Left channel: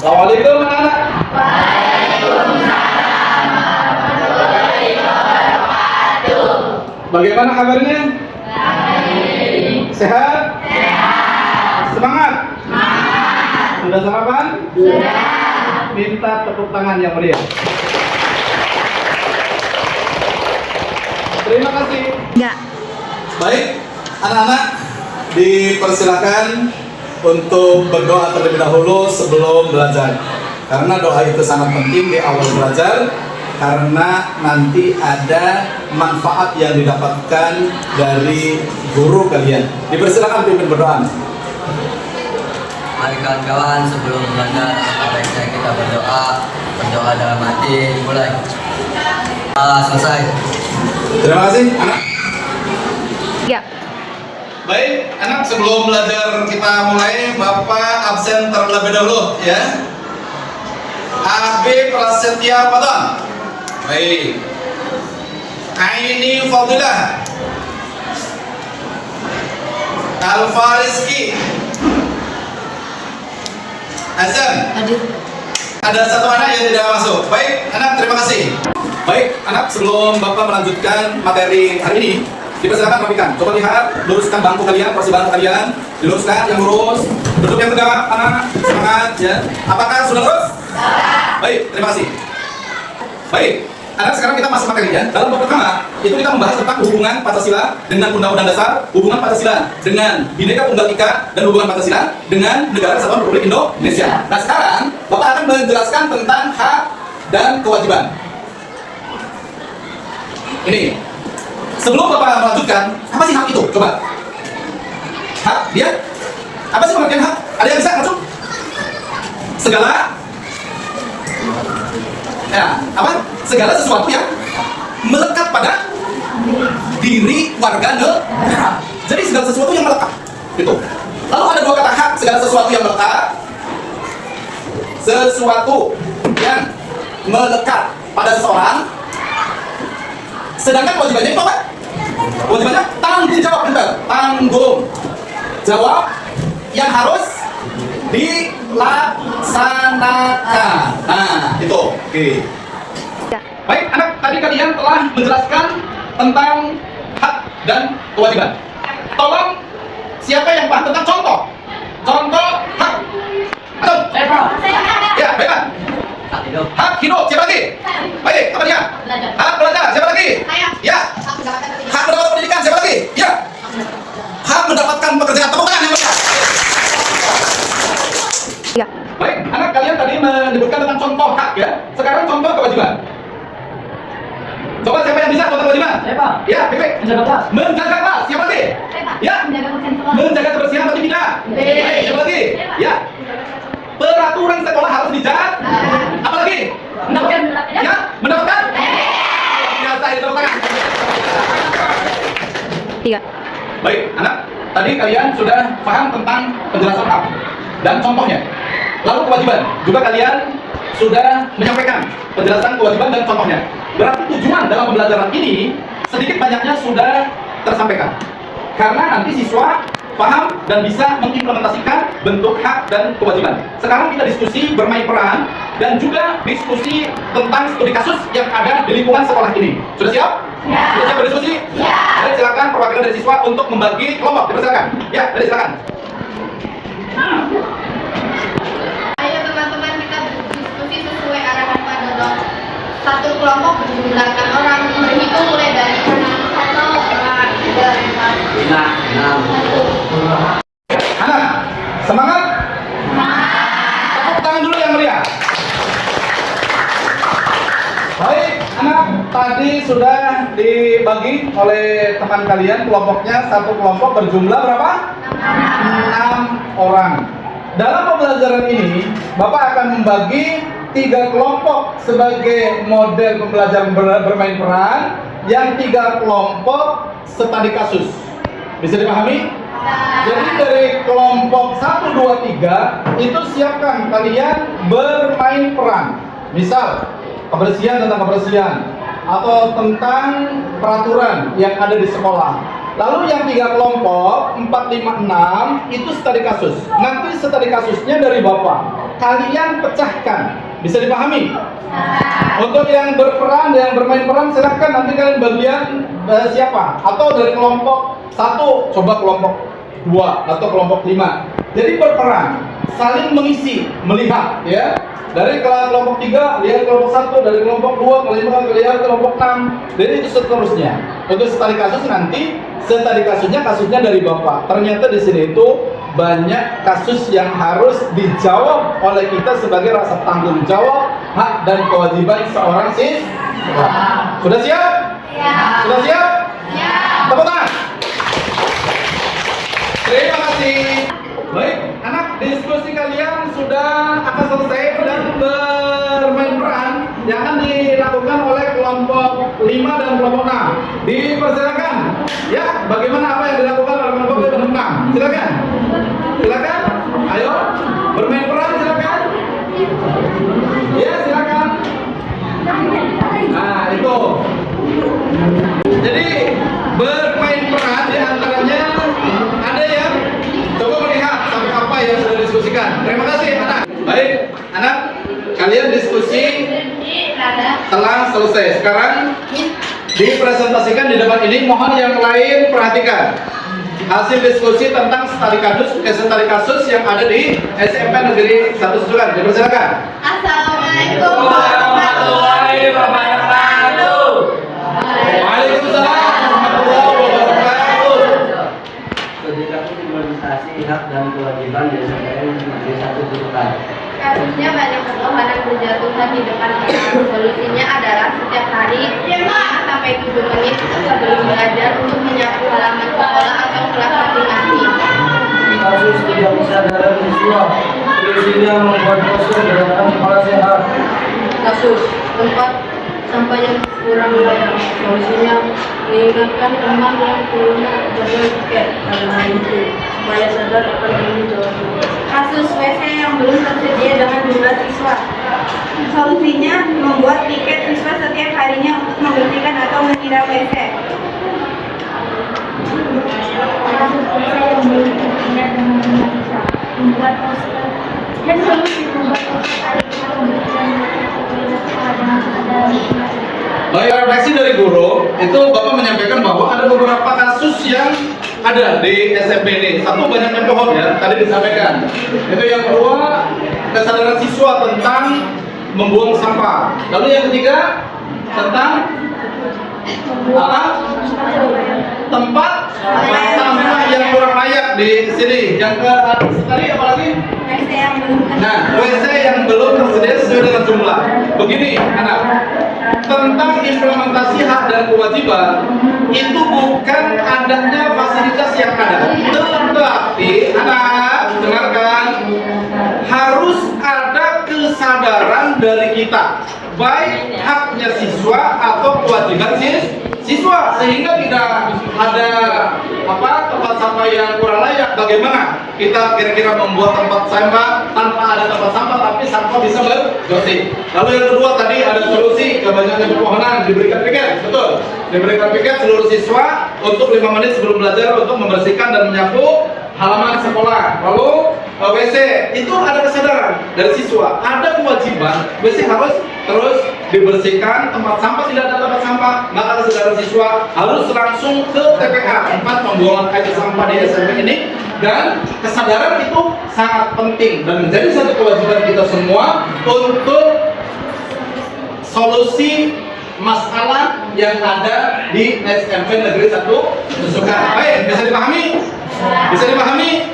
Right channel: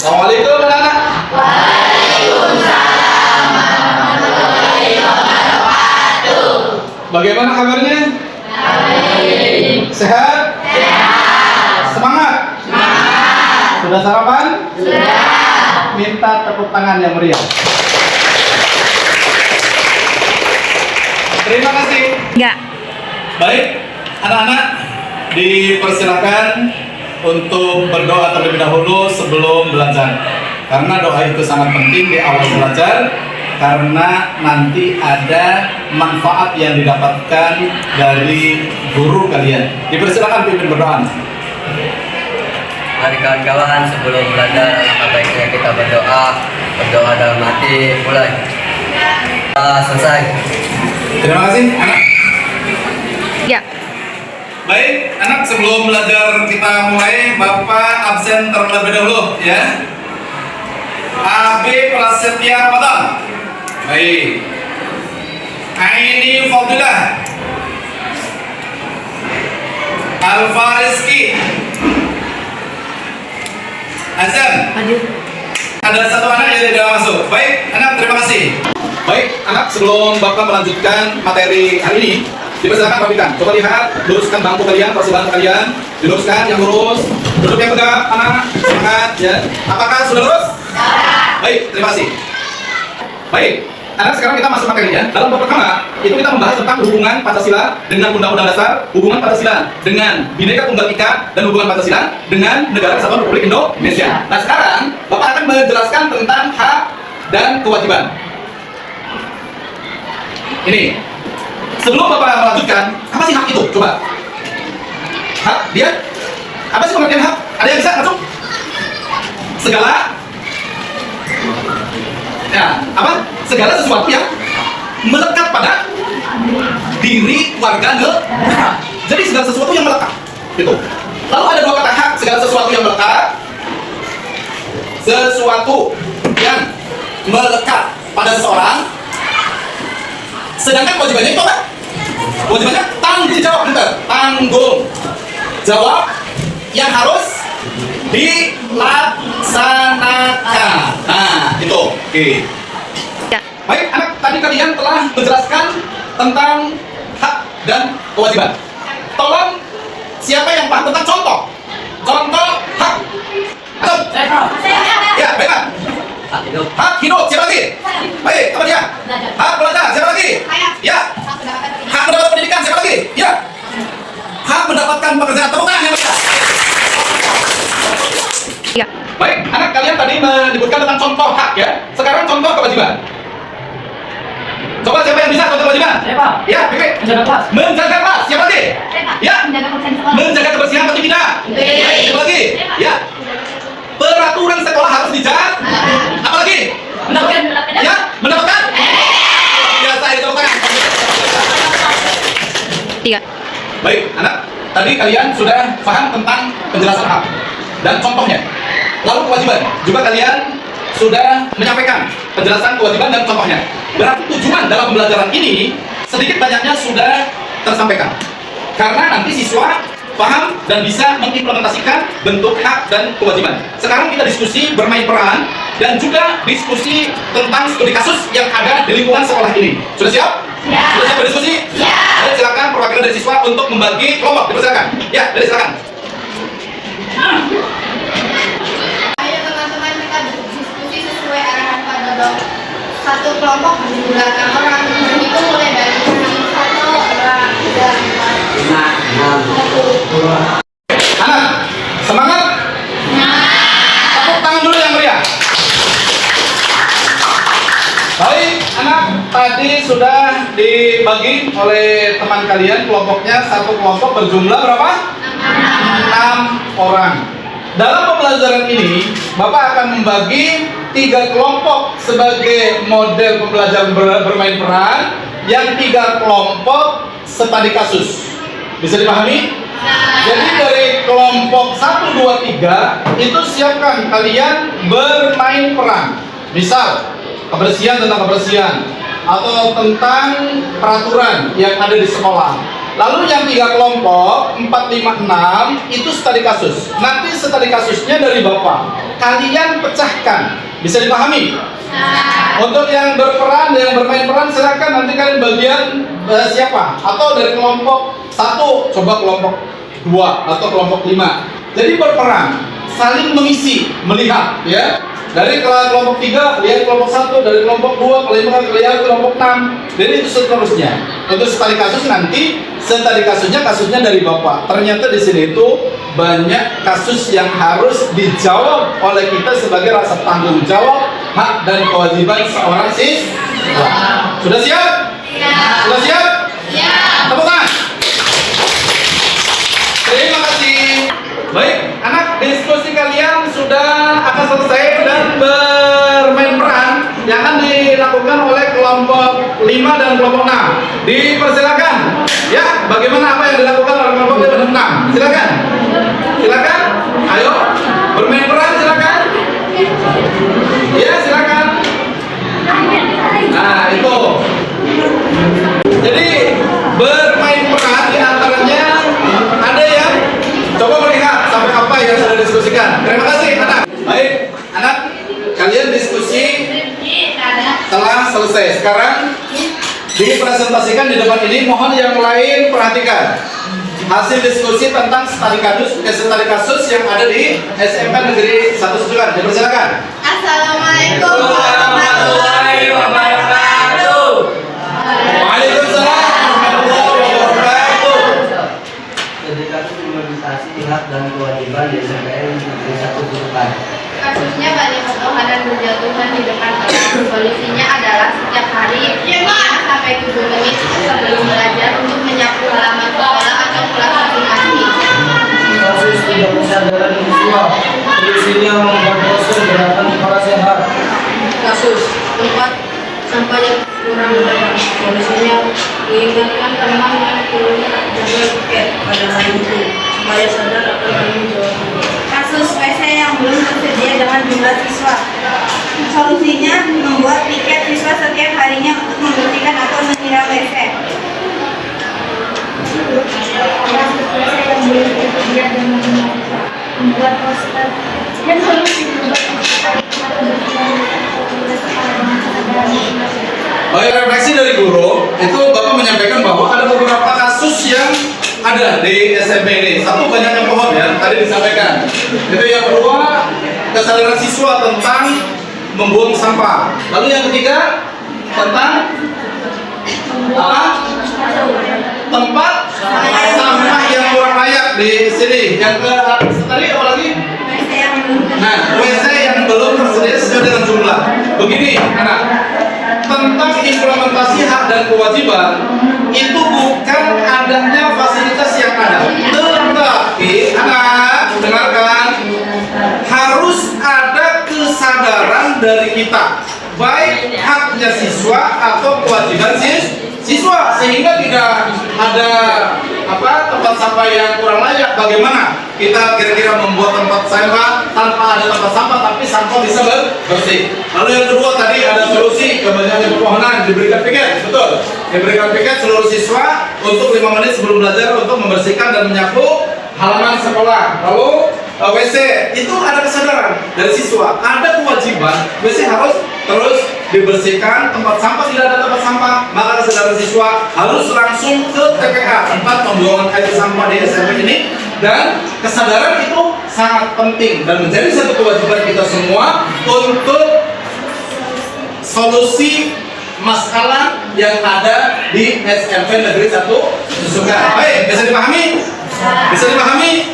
Assalamualaikum anak-anak. Bagaimana kabarnya? Sehat? Semangat? Sudah sarapan? Minta tepuk tangan yang meriah. Terima kasih. Enggak. Baik, anak-anak dipersilakan untuk berdoa terlebih dahulu sebelum belajar. Karena doa itu sangat penting di awal belajar, karena nanti ada manfaat yang didapatkan dari guru kalian. Dipersilakan pimpin berdoa. Mari kawan-kawan, sebelum belajar baiknya kita berdoa dalam hati. Mulai. Selesai. Terima kasih, anak. Ya. Baik, anak, sebelum belajar kita mulai, Bapak absen terlebih dahulu ya. AB Prasetya Ramadan. Baik. Aini Fadilah. Alfa Rizki. Azan. Ada satu anak yang tidak masuk. Baik, anak, terima kasih. Baik, anak, sebelum Bapak melanjutkan materi hari ini, dipersilakan rapikan. Coba lihat, luruskan bangku kalian, kursi bangku kalian, diluruskan yang lurus, duduk yang tegap, anak, semangat ya. Apakah sudah lurus? Baik, terima kasih. Baik, anak, sekarang kita masuk materi ya. Dalam bab pertama, itu kita membahas tentang hubungan Pancasila dengan Undang-Undang Dasar, hubungan Pancasila dengan Bhinneka Tunggal Ika, dan hubungan Pancasila dengan Negara Kesatuan Republik Indonesia. Nah, sekarang Bapak akan menjelaskan tentang hak dan kewajiban. Ini, sebelum Bapak melanjutkan, apa sih hak itu? Coba. Hak, dia? Apa sih pengertian hak? Ada yang bisa langsung? Segala, ya, apa? Segala sesuatu yang melekat pada diri warga negara. Jadi segala sesuatu yang melekat, gitu. Lalu ada dua kata hak, segala sesuatu yang melekat, sesuatu yang melekat pada seseorang. Sedangkan kewajibannya itu apa? Kewajibannya tanggung jawab, benar. Tanggung jawab yang harus dilaksanakan. Nah, itu. Oke. Ya. Baik, anak, tadi kalian telah menjelaskan tentang hak dan kewajiban. Tolong, siapa yang paham tentang contoh? Contoh hak. Atau? Ya, baiklah. Hak hidup. Hak hidup, siapa lagi? Baik, apa dia? Hak belajar, siapa lagi? Ya. Hak mendapatkan pendidikan, siapa lagi? Ya. Hak mendapatkan pekerjaan, tepuk tangan yang meriah. Ya. Baik, anak, kalian tadi menyebutkan tentang contoh hak ya. Sekarang contoh kewajiban. Coba siapa yang bisa contoh kewajiban? Siapa? Ya, Pipi. Menjaga kelas. Menjaga kelas, siapa lagi? Ya. Menjaga kebersihan tempat tidak? Baik, siapa lagi? Ya. Peraturan sekolah harus dijaga. Apa lagi? Ya, mendapatkan? Ya, saya tepuk tangan. 3. Baik, anak, tadi kalian sudah paham tentang penjelasan hak dan contohnya. Lalu kewajiban, juga kalian sudah menyampaikan penjelasan kewajiban dan contohnya. Berarti tujuan dalam pembelajaran ini sedikit banyaknya sudah tersampaikan. Karena nanti siswa paham dan bisa mengimplementasikan bentuk hak dan kewajiban. Sekarang kita diskusi bermain peran dan juga diskusi tentang studi kasus yang ada di lingkungan sekolah ini. Sudah siap? Ya. Sudah siap berdiskusi? Ya. Dan silakan perwakilan dari siswa untuk membagi kelompok. Dipersilakan. Ya, dari silakan. Ayo teman-teman, kita berdiskusi sesuai arahan Pak Dodong. Satu kelompok berjumlah 6 orang, berhitung mulai dari 1, 2, 3, 4, 5, 6. Anak, semangat? Tepuk tangan dulu yang meriah. Baik, anak, tadi sudah dibagi oleh teman kalian kelompoknya. Satu kelompok berjumlah berapa? 6 orang. Dalam pembelajaran ini, Bapak akan membagi 3 kelompok sebagai model pembelajaran bermain peran, yang 3 kelompok studi kasus. Bisa dipahami? Jadi dari kelompok 1, 2, 3 itu siapkan kalian bermain peran. Misal kebersihan, tentang kebersihan, atau tentang peraturan yang ada di sekolah. Lalu yang 3 kelompok 4, 5, 6 itu studi kasus. Nanti studi kasusnya dari Bapak. kalian pecahkan. Bisa dipahami? Untuk yang berperan, yang bermain peran, silakan nanti kalian bagian siapa? Atau dari kelompok 1, coba kelompok 2 atau kelompok 5. Jadi berperan, saling mengisi, melihat, ya. Dari kelompok 3 lihat kelompok 1, dari kelompok 2 lihat kelompok 6. Jadi itu seterusnya. Untuk studi kasus nanti studi kasusnya dari Bapak. Ternyata di sini itu banyak kasus yang harus dijawab oleh kita sebagai rasa tanggung jawab, hak dan kewajiban seorang siswa. Sudah siap? Ya. Sudah siap? Ya. Tepuk tangan. Terima kasih. Baik, anak, diskusi kalian sudah akan selesai dan bermain peran yang akan dilakukan oleh kelompok 5 dan kelompok 6. Dipersilakan. Ya, bagaimana apa yang dilakukan oleh kelompok 5 dan 6? Silakan. Silakan. Ayo, bermain peran silakan. Ya, silakan. Nah, itu. Jadi bermain peran diantaranya ada yang coba melihat sampai apa yang sudah diskusikan. Terima kasih anak. Baik, anak, kalian diskusi telah selesai. Sekarang dipresentasikan di depan ini. Mohon yang lain perhatikan hasil diskusi tentang studi kasus yang ada di SMP Negeri 1 Susukan. Dipersilakan. Assalamualaikum warahmatullahi wabarakatuh. Waalaikumsalam warahmatullahi wabarakatuh. Studi kasus imunisasi hak dan kewajiban di SMPN Negeri 1 Susukan. Kasusnya banyak kebohongan berjatuhan di depan kelas. Solusinya adalah setiap hari 5 sampai 7 menit sebelum belajar untuk menyapu halaman sekolah atau kelas masing-masing. Kasus tidak kesadaran siswa, solusinya membuat dosen gerakan kepala sehat. Kasus tempat sampah yang kurang layak. Solusinya mengingatkan teman yang turunnya jangan pakai pada hari itu supaya sadar akan tanggung jawabnya. Kasus WC yang belum tersedia dengan jumlah siswa. Solusinya membuat piket siswa setiap harinya untuk membersihkan atau menyiram WC. Kasus WC yang belum tersedia dengan jumlah siswa. Membuat poster dan solusi membuat poster atau berjalan sekolah dengan kesadaran masing-masing. Baik, refleksi dari guru, itu Bapak menyampaikan bahwa ada beberapa kasus yang ada di SMP ini. Satu, banyak yang bohong ya, tadi disampaikan. Itu yang kedua, kesadaran siswa tentang membuang sampah. Lalu yang ketiga, tentang apa? Tempat sampah yang kurang layak di sini. Yang ke tadi apa lagi? Nah, WC yang belum tersedia sesuai dengan jumlah. Begini, anak, tentang implementasi hak dan kewajiban itu bukan adanya fasilitas yang ada, tetapi anak dengarkan, harus ada kesadaran dari kita, baik haknya siswa atau kewajiban siswa, sehingga tidak ada tempat sampah yang kurang layak. Bagaimana kita kira-kira membuat tempat sampah tanpa ada tempat sampah tapi sampah bisa bersih. Lalu yang kedua tadi ada solusi kebanyakan kebohongan, diberikan piket, betul, diberikan piket seluruh siswa untuk 5 menit sebelum belajar untuk membersihkan dan menyapu halaman sekolah. Lalu WC itu ada kesadaran dari siswa, ada kewajiban WC harus terus dibersihkan, tempat sampah tidak ada tempat sampah, maka kesadaran siswa harus langsung ke TPA, tempat pembuangan air sampah di SMP ini. Dan kesadaran itu sangat penting dan menjadi satu kewajiban kita semua untuk solusi masalah yang ada di SMP Negeri 1 Susukan. Baik, bisa dipahami? Bisa dipahami?